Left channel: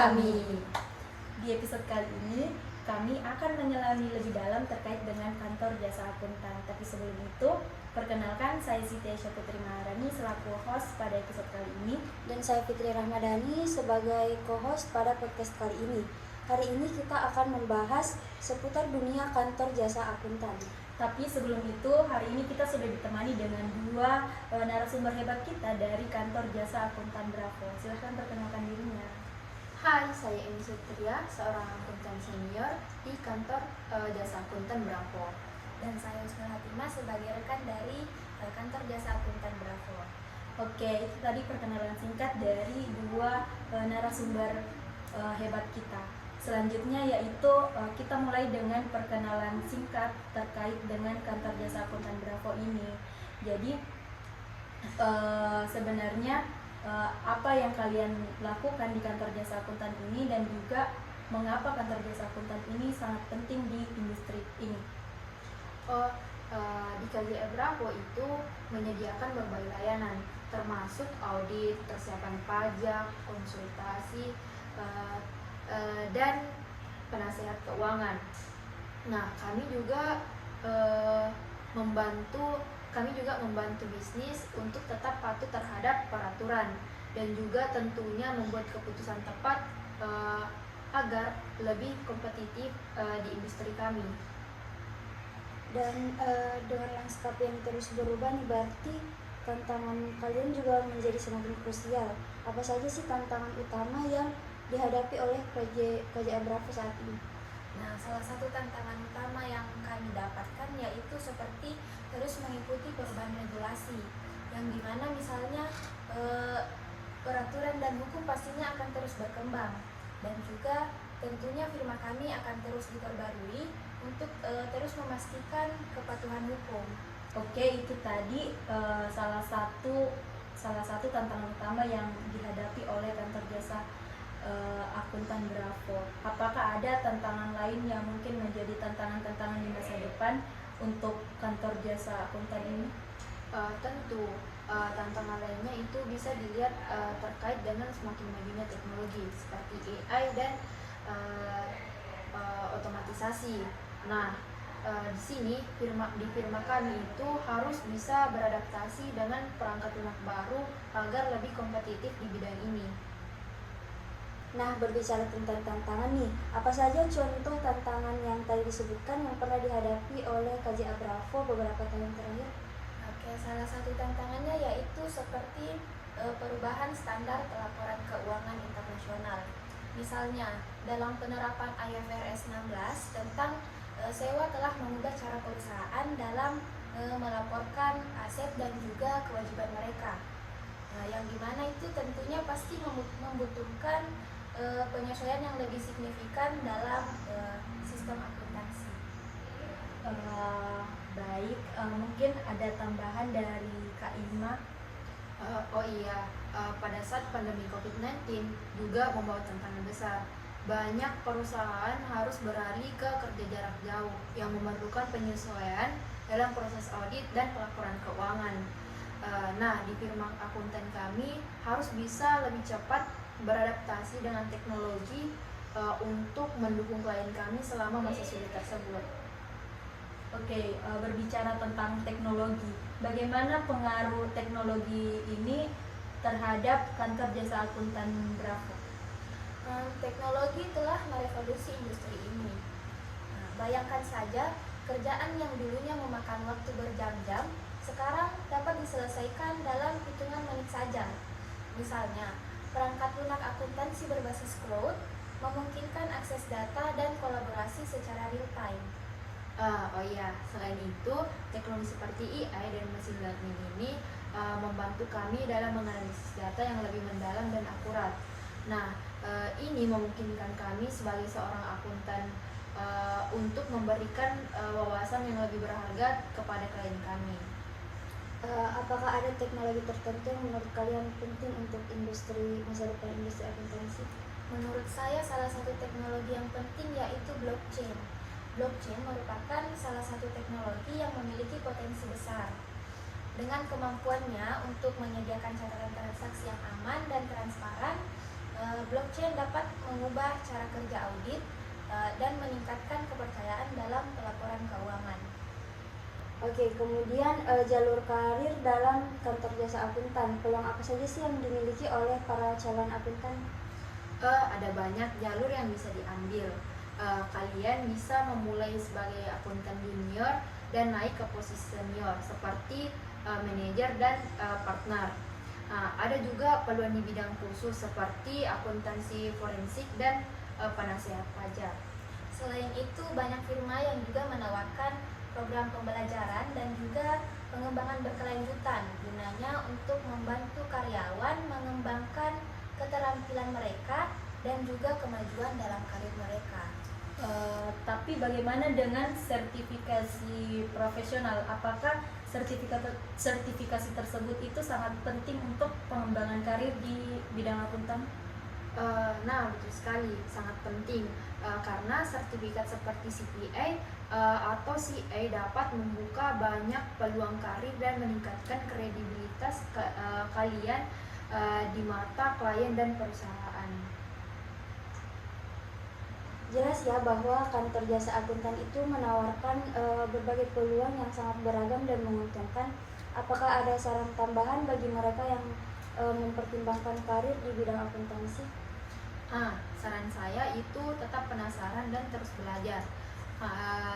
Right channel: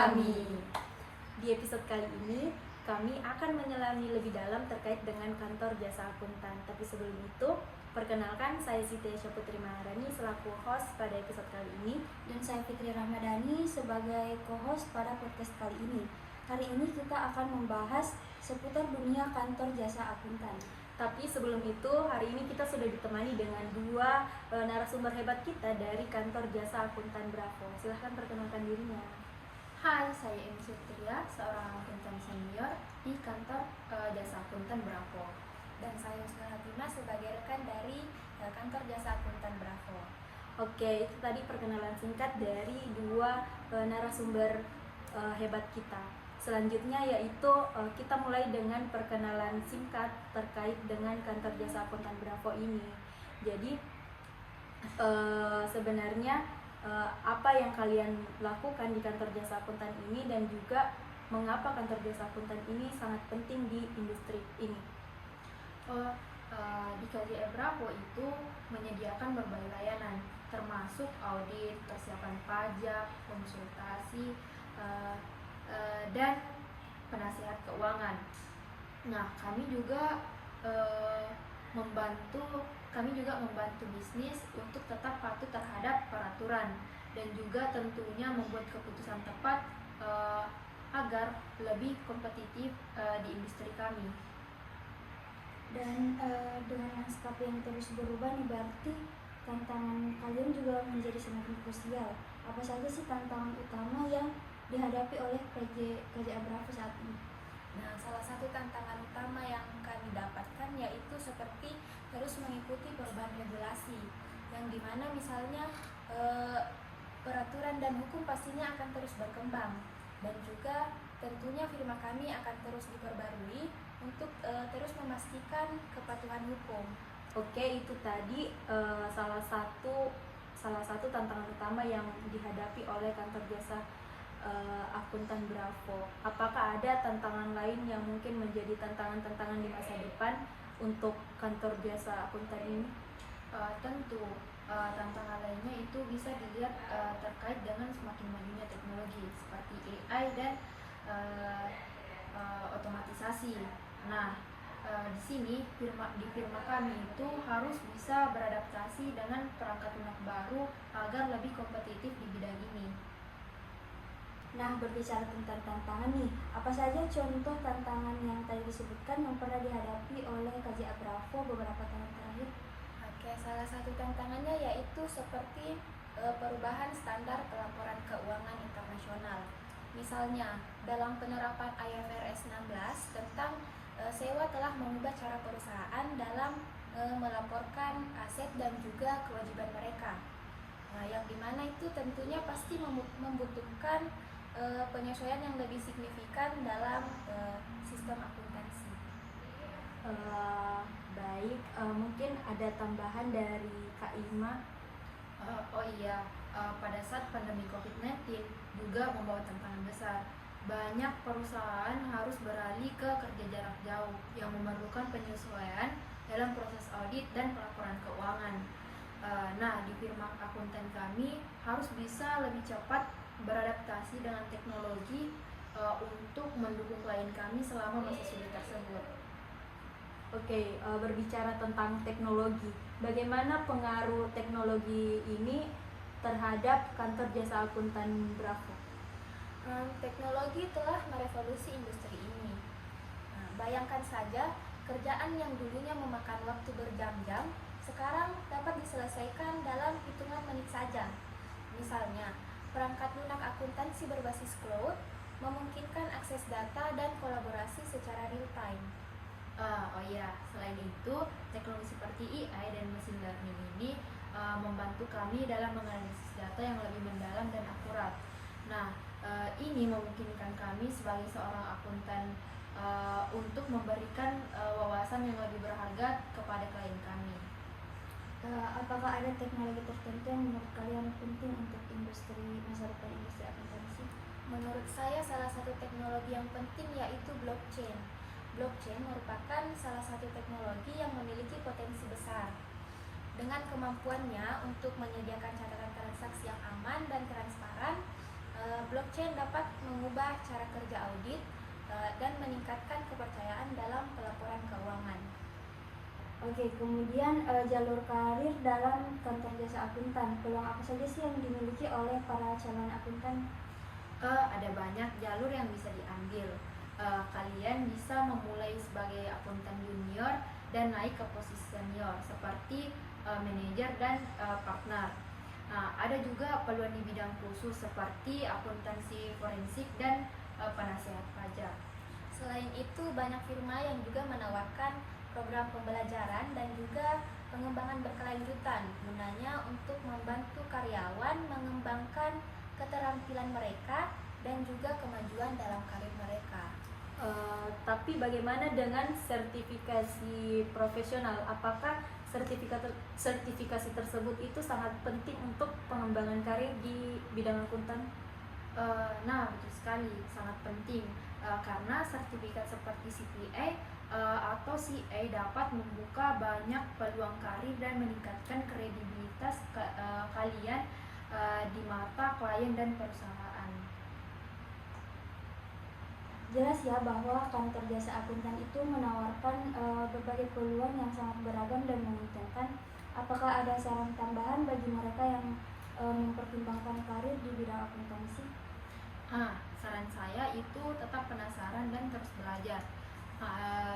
kami. Di episode kali ini, kami akan menyelami lebih dalam terkait dengan kantor jasa akuntan. Tapi sebelum itu, perkenalkan saya Siti Aisyah Putri Maharani selaku host pada episode kali ini. Dan saya Fitri Rahmadani sebagai co-host pada podcast kali ini. Hari ini kita akan membahas seputar dunia kantor jasa akuntan. Tapi sebelum itu, hari ini kita sudah ditemani dengan dua narasumber hebat kita dari kantor jasa akuntan Bravo. Silahkan perkenalkan dirinya. Hai, saya Emi Sutria, seorang akuntan senior di kantor jasa akuntan Bravo. Dan saya Uskul Hatimah sebagai rekan dari kantor jasa akuntan Bravo. Oke, itu tadi perkenalan singkat dari dua narasumber hebat kita. Selanjutnya yaitu kita mulai dengan perkenalan singkat terkait dengan kantor jasa akuntan Bravo ini. Jadi sebenarnya apa yang kalian lakukan di kantor jasa akuntan ini dan juga mengapa kantor jasa akuntan ini sangat penting di industri ini. Di KJA Bravo itu menyediakan berbagai layanan, termasuk audit, persiapan pajak, konsultasi, dan penasehat keuangan. Nah, kami juga membantu bisnis untuk tetap patuh terhadap peraturan dan juga tentunya membuat keputusan tepat agar lebih kompetitif di industri kami. Dan dengan lanskap yang terus berubah nih, berarti tantangan kalian juga menjadi semakin krusial. Apa saja sih tantangan utama yang dihadapi oleh KJA Bravo saat ini? Nah, salah satu tantangan utama yang kami dapatkan yaitu seperti terus mengikuti perubahan regulasi, yang dimana misalnya peraturan dan hukum pastinya akan terus berkembang, dan juga tentunya firma kami akan terus diperbarui untuk terus memastikan kepatuhan hukum. Oke, itu tadi salah satu tantangan utama yang dihadapi oleh kantor jasa akuntan Bravo. Apakah ada tantangan lain yang mungkin menjadi tantangan-tantangan di masa depan untuk kantor jasa akuntan ini? Tentu tantangan lainnya itu bisa dilihat terkait dengan semakin majunya teknologi seperti AI dan otomatisasi. Nah, di sini di firma kami itu harus bisa beradaptasi dengan perangkat lunak baru agar lebih kompetitif di bidang ini. Nah, berbicara tentang tantangan nih, apa saja contoh tantangan yang tadi disebutkan yang pernah dihadapi oleh KJA Bravo beberapa tahun terakhir? Oke, salah satu tantangannya yaitu seperti perubahan standar pelaporan keuangan internasional. Misalnya, dalam penerapan IFRS 16 tentang sewa telah mengubah cara perusahaan dalam melaporkan aset dan juga kewajiban mereka. Nah, yang dimana itu tentunya pasti membutuhkan penyesuaian yang lebih signifikan dalam sistem akuntansi. Baik, mungkin ada tambahan dari Kak Ima. Pada saat pandemi COVID-19 juga membawa tantangan besar. Banyak perusahaan harus beralih ke kerja jarak jauh yang memerlukan penyesuaian dalam proses audit dan pelaporan keuangan. Nah, di firma akuntan kami harus bisa lebih cepat beradaptasi dengan teknologi untuk mendukung klien kami selama masa sulit tersebut. Oke, berbicara tentang teknologi, bagaimana pengaruh teknologi ini terhadap kantor jasa akuntan Bravo? Teknologi telah merevolusi industri ini. Nah, bayangkan saja, kerjaan yang dulunya memakan waktu berjam-jam sekarang dapat diselesaikan dalam hitungan menit saja. Misalnya, perangkat lunak akuntansi berbasis cloud memungkinkan akses data dan kolaborasi secara real time. Selain itu, teknologi seperti AI dan machine learning ini membantu kami dalam menganalisis data yang lebih mendalam dan akurat. Nah, ini memungkinkan kami sebagai seorang akuntan untuk memberikan wawasan yang lebih berharga kepada klien kami. Apakah ada teknologi tertentu yang menurut kalian penting untuk masa depan industri akuntansi? Menurut saya, salah satu teknologi yang penting yaitu blockchain. Blockchain merupakan salah satu teknologi yang memiliki potensi besar. Dengan kemampuannya untuk menyediakan catatan transaksi yang aman dan transparan, Blockchain dapat mengubah cara kerja audit dan meningkatkan kepercayaan dalam pelaporan keuangan. Oke, kemudian jalur karir dalam kantor jasa akuntan. Peluang apa saja sih yang dimiliki oleh para calon akuntan? Ada banyak jalur yang bisa diambil. Kalian bisa memulai sebagai akuntan junior dan naik ke posisi senior seperti manajer dan partner. Ada juga peluang di bidang khusus seperti akuntansi forensik dan penasehat pajak. Selain itu, banyak firma yang juga menawarkan program pembelajaran dan juga pengembangan berkelanjutan gunanya untuk membantu karyawan mengembangkan keterampilan mereka dan juga kemajuan dalam karir mereka. Tapi bagaimana dengan sertifikasi profesional? Apakah sertifikasi tersebut itu sangat penting untuk pengembangan karir di bidang akuntan? Nah, betul sekali, sangat penting karena sertifikat seperti CPA atau CA dapat membuka banyak peluang karir dan meningkatkan kredibilitas kalian di mata klien dan perusahaan. Jelas ya bahwa kantor jasa akuntan itu menawarkan berbagai peluang yang sangat beragam dan menguntungkan. Apakah ada saran tambahan bagi mereka yang mempertimbangkan karir di bidang akuntansi? Saran saya itu tetap penasaran dan terus belajar.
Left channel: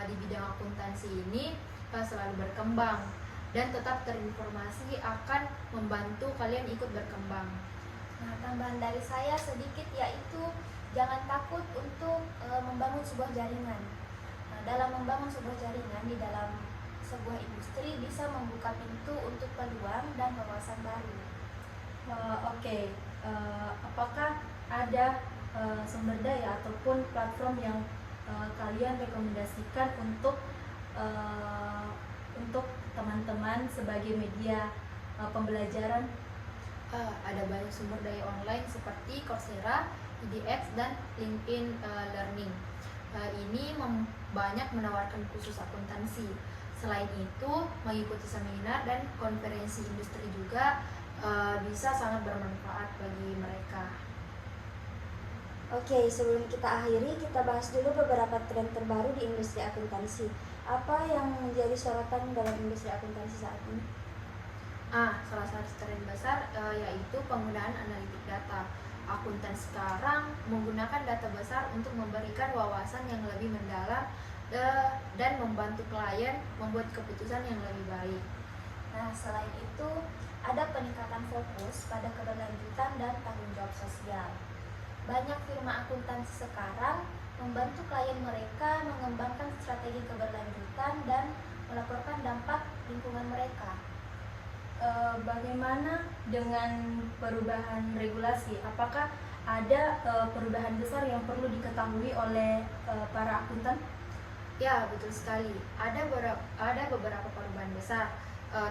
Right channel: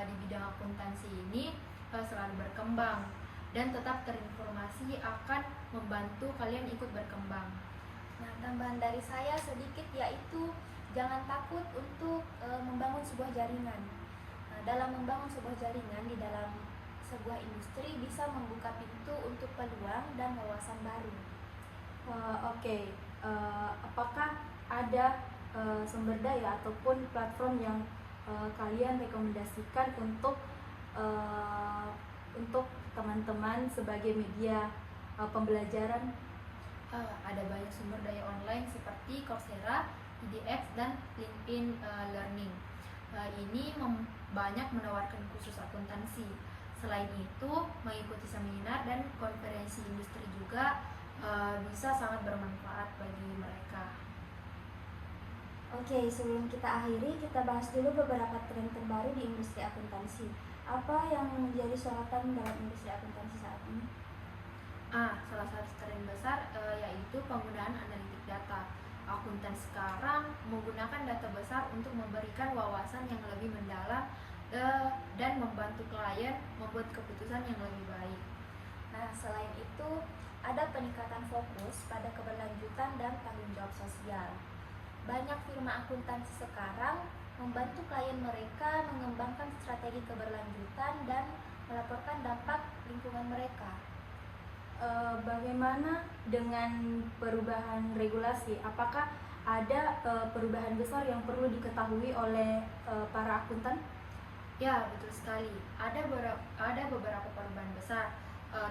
Di bidang akuntansi ini selalu berkembang dan tetap terinformasi akan membantu kalian ikut berkembang. Nah, tambahan dari saya sedikit yaitu jangan takut untuk membangun sebuah jaringan. Nah, dalam membangun sebuah jaringan di dalam sebuah industri bisa membuka pintu untuk peluang dan wawasan baru. Oke. Apakah ada sumber daya ataupun platform yang kalian rekomendasikan untuk teman-teman sebagai media pembelajaran? Ada banyak sumber daya online seperti Coursera, edX, dan LinkedIn Learning. Ini banyak menawarkan khusus akuntansi. Selain itu, mengikuti seminar dan konferensi industri juga bisa sangat bermanfaat bagi mereka. Oke, sebelum kita akhiri, kita bahas dulu beberapa tren terbaru di industri akuntansi. Apa yang menjadi sorotan dalam industri akuntansi saat ini? Salah satu tren besar yaitu penggunaan analitik data. Akuntan sekarang menggunakan data besar untuk memberikan wawasan yang lebih mendalam dan membantu klien membuat keputusan yang lebih baik. Nah, selain itu ada peningkatan fokus pada keberlanjutan dan tanggung jawab sosial. Banyak firma akuntansi sekarang membantu klien mereka mengembangkan strategi keberlanjutan dan melaporkan dampak lingkungan mereka. Bagaimana dengan perubahan regulasi? Apakah ada perubahan besar yang perlu diketahui oleh para akuntan? Ya, betul sekali. Ada beberapa perubahan besar,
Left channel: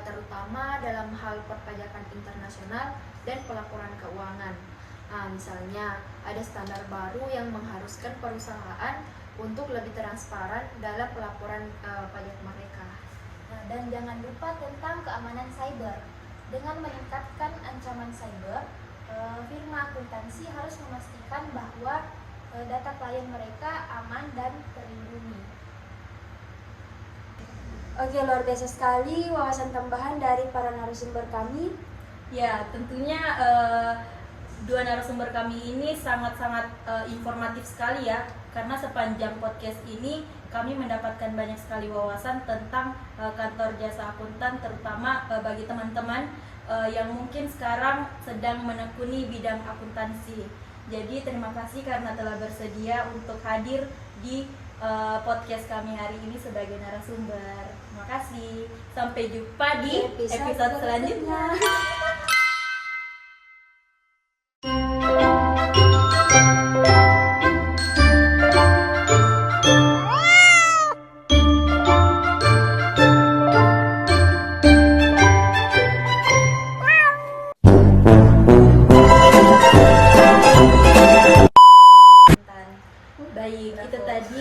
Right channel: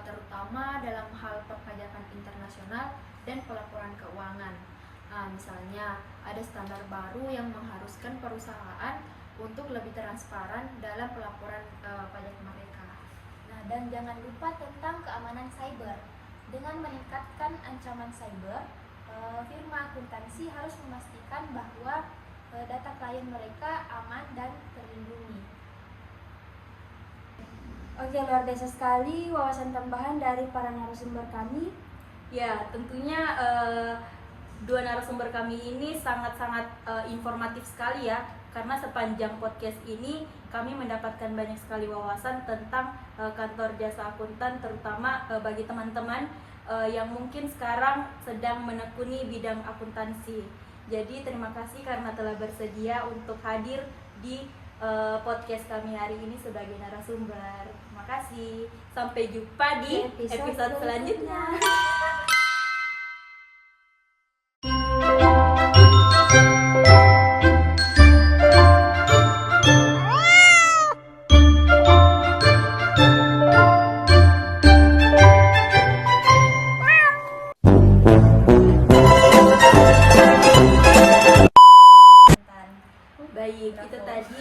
terutama dalam hal perpajakan internasional dan pelaporan keuangan. Misalnya, ada standar baru yang mengharuskan perusahaan untuk lebih transparan dalam pelaporan pajak mereka. Nah, dan jangan lupa tentang keamanan cyber. Dengan meningkatkan ancaman cyber, firma akuntansi harus memastikan bahwa data klien mereka aman dan terlindungi. Oke, luar biasa sekali wawasan tambahan dari para narasumber kami. Ya, tentunya dua narasumber kami ini sangat-sangat informatif sekali ya, karena sepanjang podcast ini kami mendapatkan banyak sekali wawasan tentang kantor jasa akuntan, terutama bagi teman-teman yang mungkin sekarang sedang menekuni bidang akuntansi. Jadi terima kasih karena telah bersedia untuk hadir di podcast kami hari ini sebagai narasumber. Terima kasih. Sampai jumpa di episode selanjutnya. Baik, itu tadi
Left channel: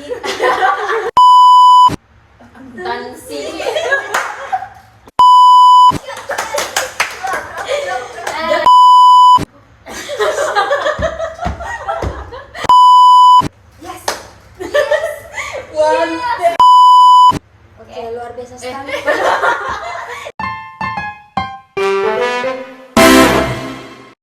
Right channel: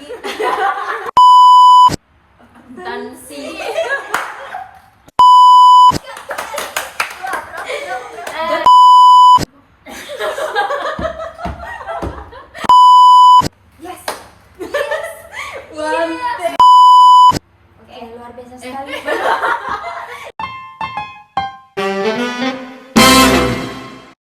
akuntansi.